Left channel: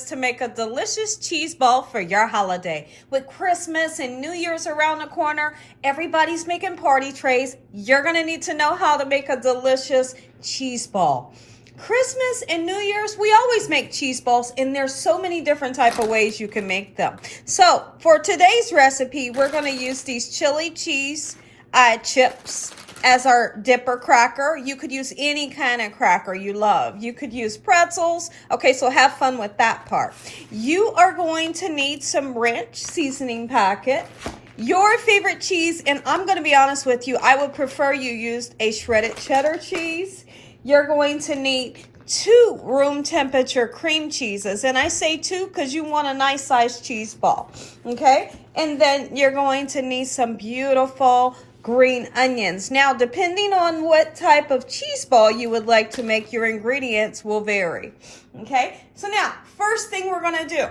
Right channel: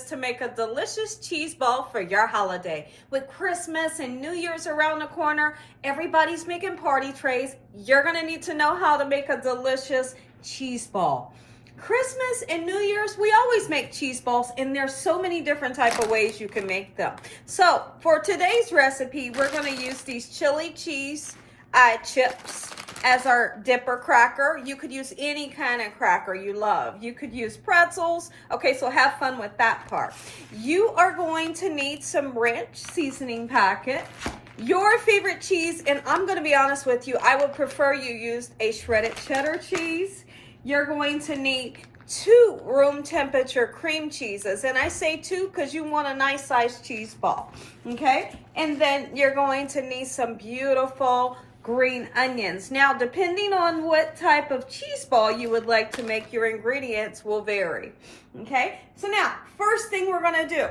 is to make a delicious cheese ball for your holiday. With Christmas and New Year's around the corner, everybody's making party trays. You're going to need to know how to make a delicious cheese ball. Christmas and New Year's, we always make cheese balls, and there's so many different type of ways you can make them. So for today's recipe, we're going to use these chili cheese chips as our dipper cracker. You could use any kind of cracker you love. You could use pretzels. Okay, so have fun with that part. You are going to need some ranch seasoning packet, your favorite cheese, and I'm going to be honest with you, I would prefer you used a shredded cheddar cheese. You're going to need 2 room temperature cream cheeses, and I say 2 because you want a nice sized cheese ball, okay? And then you're going to need some beautiful green onions. Now, depending on what type of cheese ball you would like to make, your ingredients will vary, okay? So now, first thing we're gonna do,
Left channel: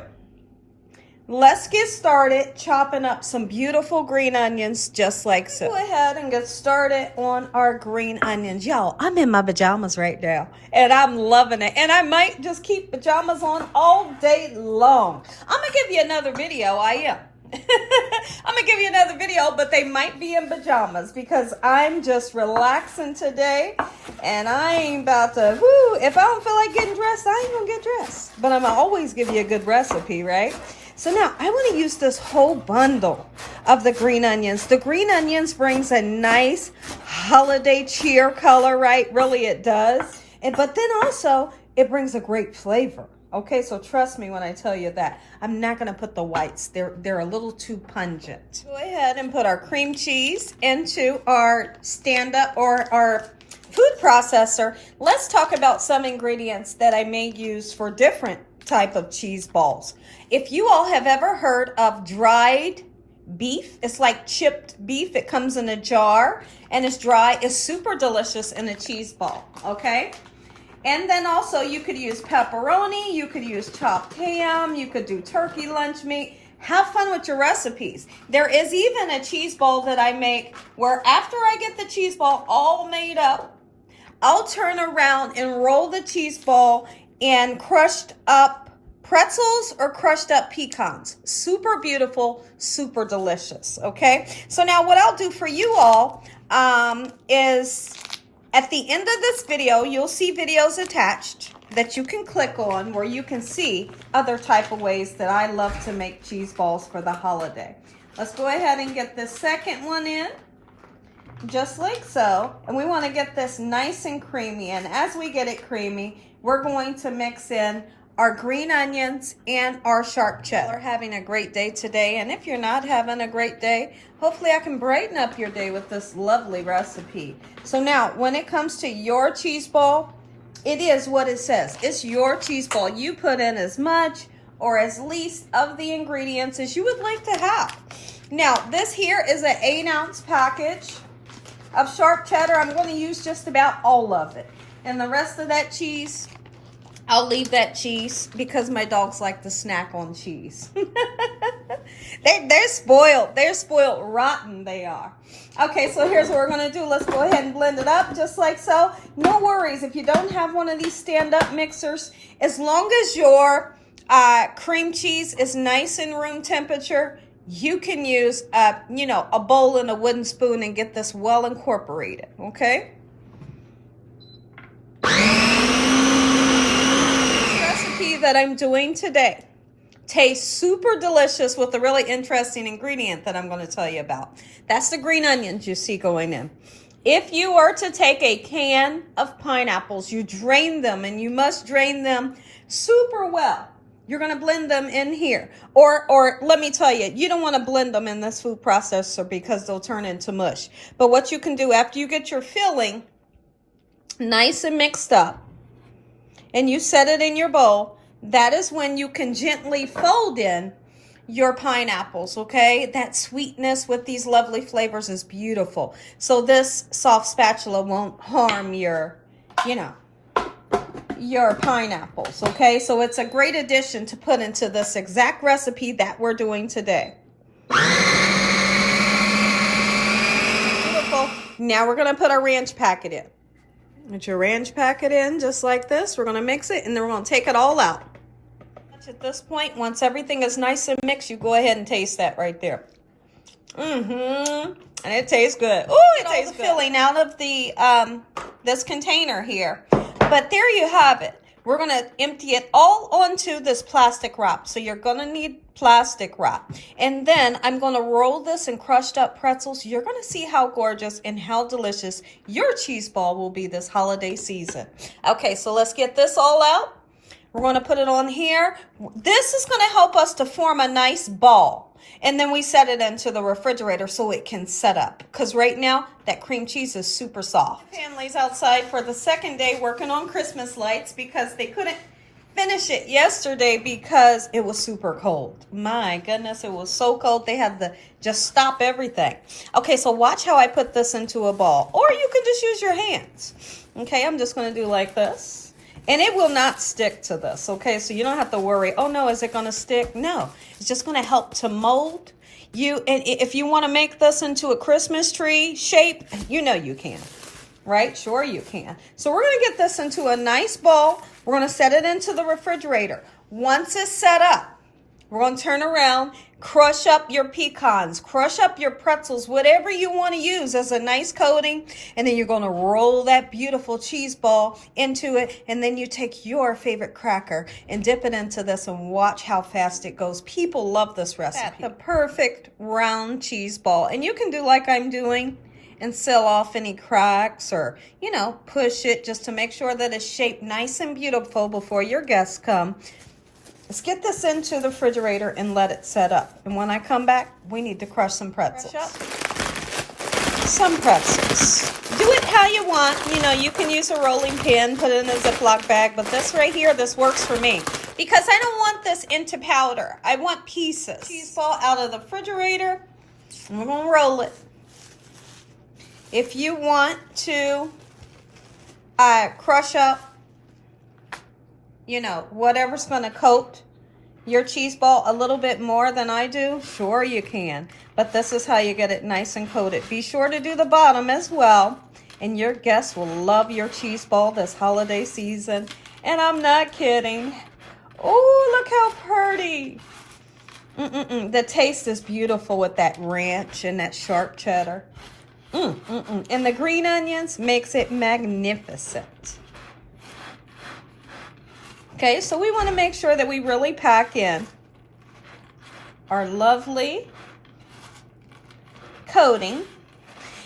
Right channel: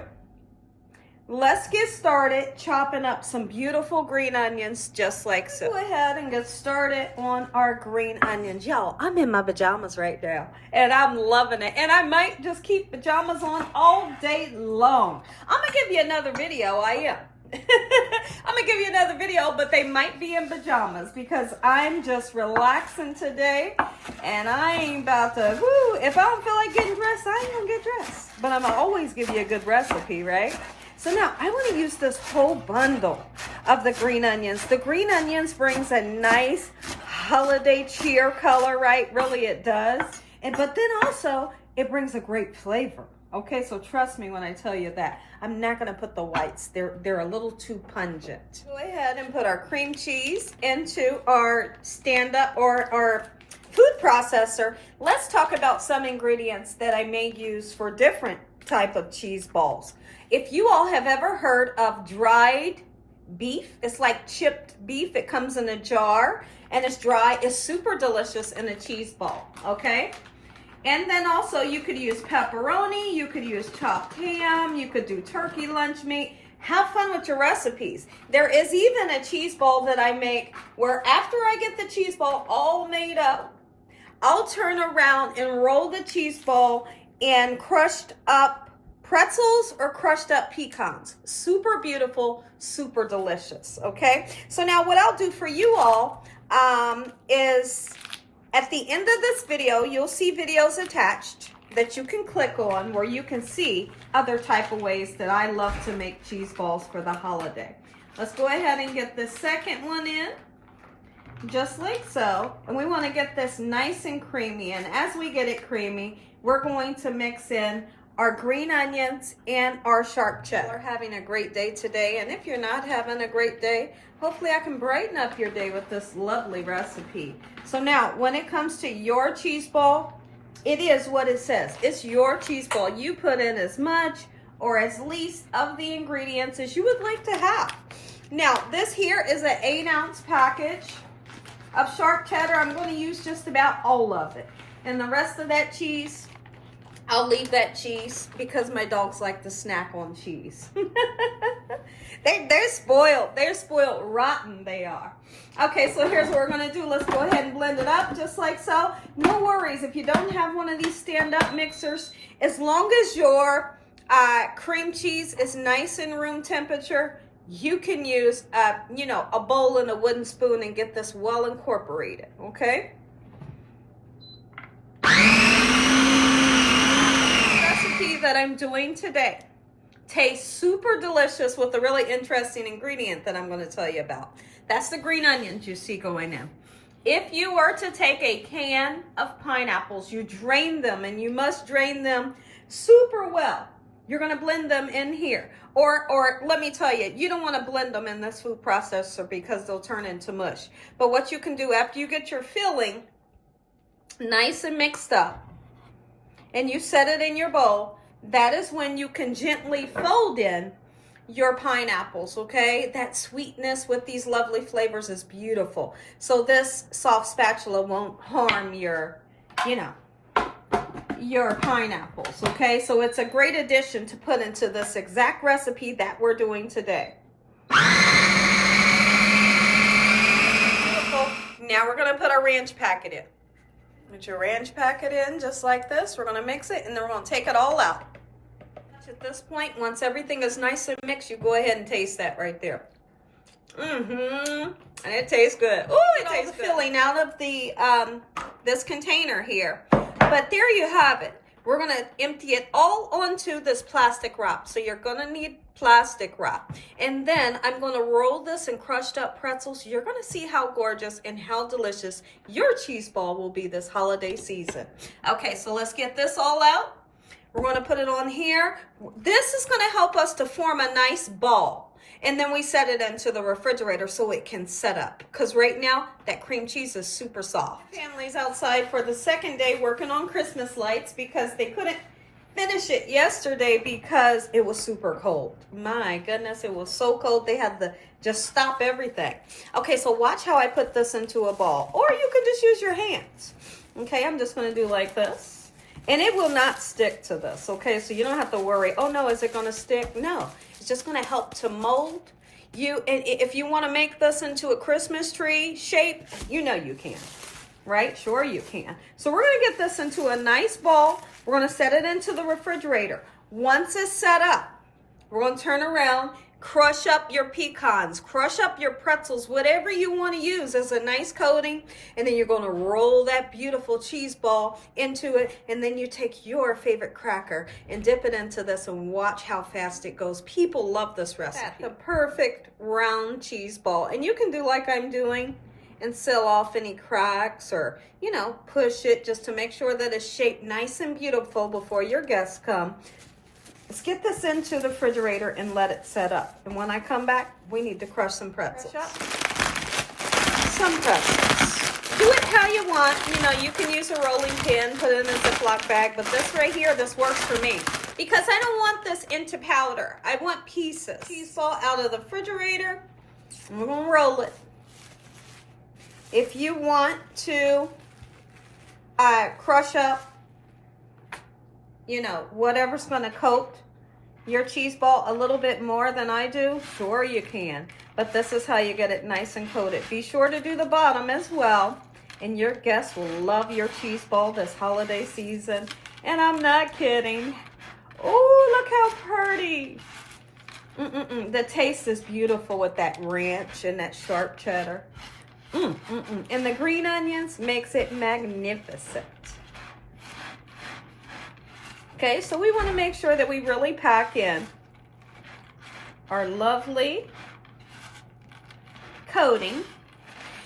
let's get started chopping up some beautiful green onions just like so. Go ahead and get started on our green onions. Y'all, I'm in my pajamas right now, and I'm loving it. And I might just keep pajamas on all day long. I'm gonna give you another video, I am. I'm gonna give you another video, but they might be in pajamas because I'm just relaxing today, and I ain't about to, if I don't feel like getting dressed, I ain't gonna get dressed. But I'm gonna always give you a good recipe, right? So now I want to use this whole bundle of the green onions. The green onions brings a nice holiday cheer color, right? Really it does. But then also it brings a great flavor. Okay, so trust me when I tell you that. I'm not going to put the whites. They're a little too pungent. Go ahead and put our cream cheese into our stand-up or our food processor. Let's talk about some ingredients that I may use for different type of cheese balls. If you all have ever heard of dried beef, it's like chipped beef. It comes in a jar and it's dry. It's super delicious in a cheese ball, okay? And then also you could use pepperoni, you could use chopped ham, you could do turkey lunch meat. Have fun with your recipes. There is even a cheese ball that I make where after I get the cheese ball all made up, I'll turn around and roll the cheese ball in crushed up pretzels or crushed up pecans. Super beautiful, super delicious, okay? So now what I'll do for you all is at the end of this video, you'll see videos attached that you can click on where you can see other type of ways that I love to make cheese balls for the holiday. Let's go ahead and get the second one in, just like so. And we want to get this nice and creamy. And as we get it creamy, we're going to mix in our green onions and our sharp cheddar. We're having a great day today, and if you're not having a great day, hopefully I can brighten up your day with this lovely recipe. So now, when it comes to your cheese ball, it is what it says. It's your cheese ball. You put in as much or as least of the ingredients as you would like to have. Now, this here is an 8-ounce package of sharp cheddar. I'm going to use just about all of it. And the rest of that cheese, I'll leave that cheese because my dogs like to snack on cheese. They're spoiled. They're spoiled rotten, they are. Okay, so here's what we're going to do. Let's go ahead and blend it up just like so. No worries if you don't have one of these stand-up mixers. As long as your cream cheese is nice and room temperature, you can use, a bowl and a wooden spoon and get this well incorporated, okay? That I'm doing today tastes super delicious with a really interesting ingredient that I'm going to tell you about. That's the green onions you see going in. If you were to take a can of pineapples, you drain them, and you must drain them super well. You're going to blend them in here. Or let me tell you, you don't want to blend them in this food processor because they'll turn into mush. But what you can do after you get your filling nice and mixed up and you set it in your bowl, that is when you can gently fold in your pineapples, okay? That sweetness with these lovely flavors is beautiful. So this soft spatula won't harm your pineapples, okay? So it's a great addition to put into this exact recipe that we're doing today. Now we're gonna put our ranch packet in. Put your ranch packet in just like this. We're gonna mix it and then we're gonna take it all out. At this point, once everything is nice and mixed, you go ahead and taste that right there. And it tastes good. Oh, it tastes good. Filling out of the this container here. But there you have it. We're going to empty it all onto this plastic wrap. So you're going to need plastic wrap. And then I'm going to roll this in crushed up pretzels. You're going to see how gorgeous and how delicious your cheese ball will be this holiday season. Okay, so let's get this all out. We're going to put it on here. This is going to help us to form a nice ball. And then we set it into the refrigerator so it can set up. Because right now, that cream cheese is super soft. Family's outside for the second day working on Christmas lights because they couldn't finish it yesterday because it was super cold. My goodness, it was so cold. They had to just stop everything. Okay, so watch how I put this into a ball. Or you could just use your hands. Okay, I'm just going to do like this. And it will not stick to this, okay? So you don't have to worry, oh no, is it gonna stick? No, it's just gonna help to mold you. And if you wanna make this into a Christmas tree shape, you know you can, right? Sure you can. So we're gonna get this into a nice ball. We're gonna set it into the refrigerator. Once it's set up, we're gonna turn around, crush up your pecans, crush up your pretzels, whatever you want to use as a nice coating. And then you're going to roll that beautiful cheese ball into it. And then you take your favorite cracker and dip it into this and watch how fast it goes. People love this recipe. The perfect round cheese ball. And you can do like I'm doing and seal off any cracks or, you know, push it just to make sure that it's shaped nice and beautiful before your guests come. Let's get this into the refrigerator and let it set up. And when I come back, we need to crush some pretzels. Some pretzels. Do it how you want. You know, you can use a rolling pin, put it in a Ziploc bag, but this right here, this works for me. Because I don't want this into powder. I want pieces. Cheese ball out of the refrigerator. We're going to roll it. If you want to crush up, you know, whatever's going to coat your cheese ball a little bit more than I do, sure you can. But this is how you get it nice and coated. Be sure to do the bottom as well. And your guests will love your cheese ball this holiday season. And I'm not kidding. Oh, look how pretty. The taste is beautiful with that ranch and that sharp cheddar. And the green onions makes it magnificent. Okay, so we want to make sure that we really pack in our lovely coating.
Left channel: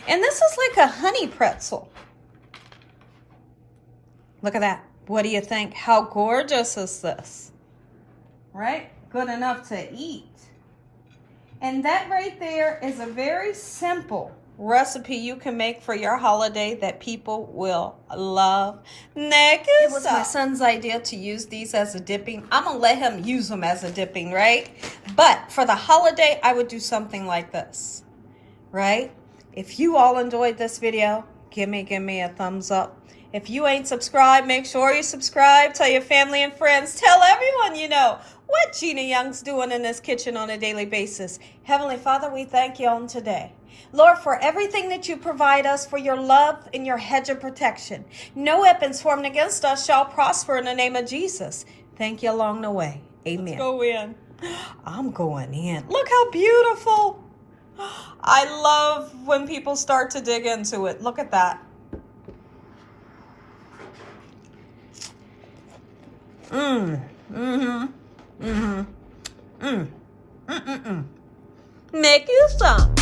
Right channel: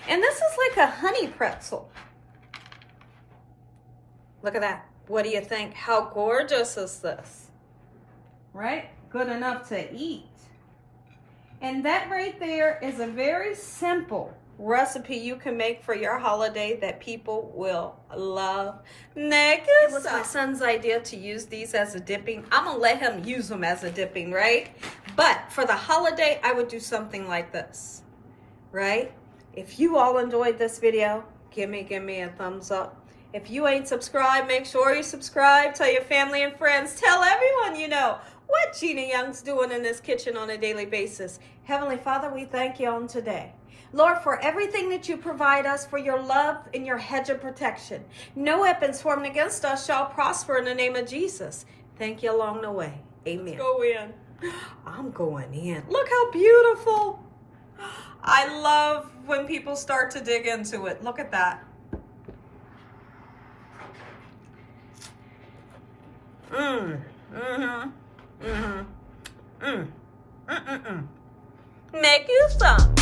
And this is like a honey pretzel. Look at that. What do you think? How gorgeous is this? Right? Good enough to eat. And that right there is a very simple recipe you can make for your holiday that people will love. Next, it was my son's idea to use these as a dipping. I'm gonna let him use them as a dipping, right? But for the holiday, I would do something like this, right? If you all enjoyed this video, give me a thumbs up. If you ain't subscribed, make sure you subscribe. Tell your family and friends. Tell everyone you know what Gina Young's doing in this kitchen on a daily basis. Heavenly Father, we thank you on today. Lord, for everything that you provide us, for your love and your hedge of protection. No weapons formed against us shall prosper in the name of Jesus. Thank you along the way. Amen. Let's go in. I'm going in. Look how beautiful. I love when people start to dig into it. Look at that. Make you some.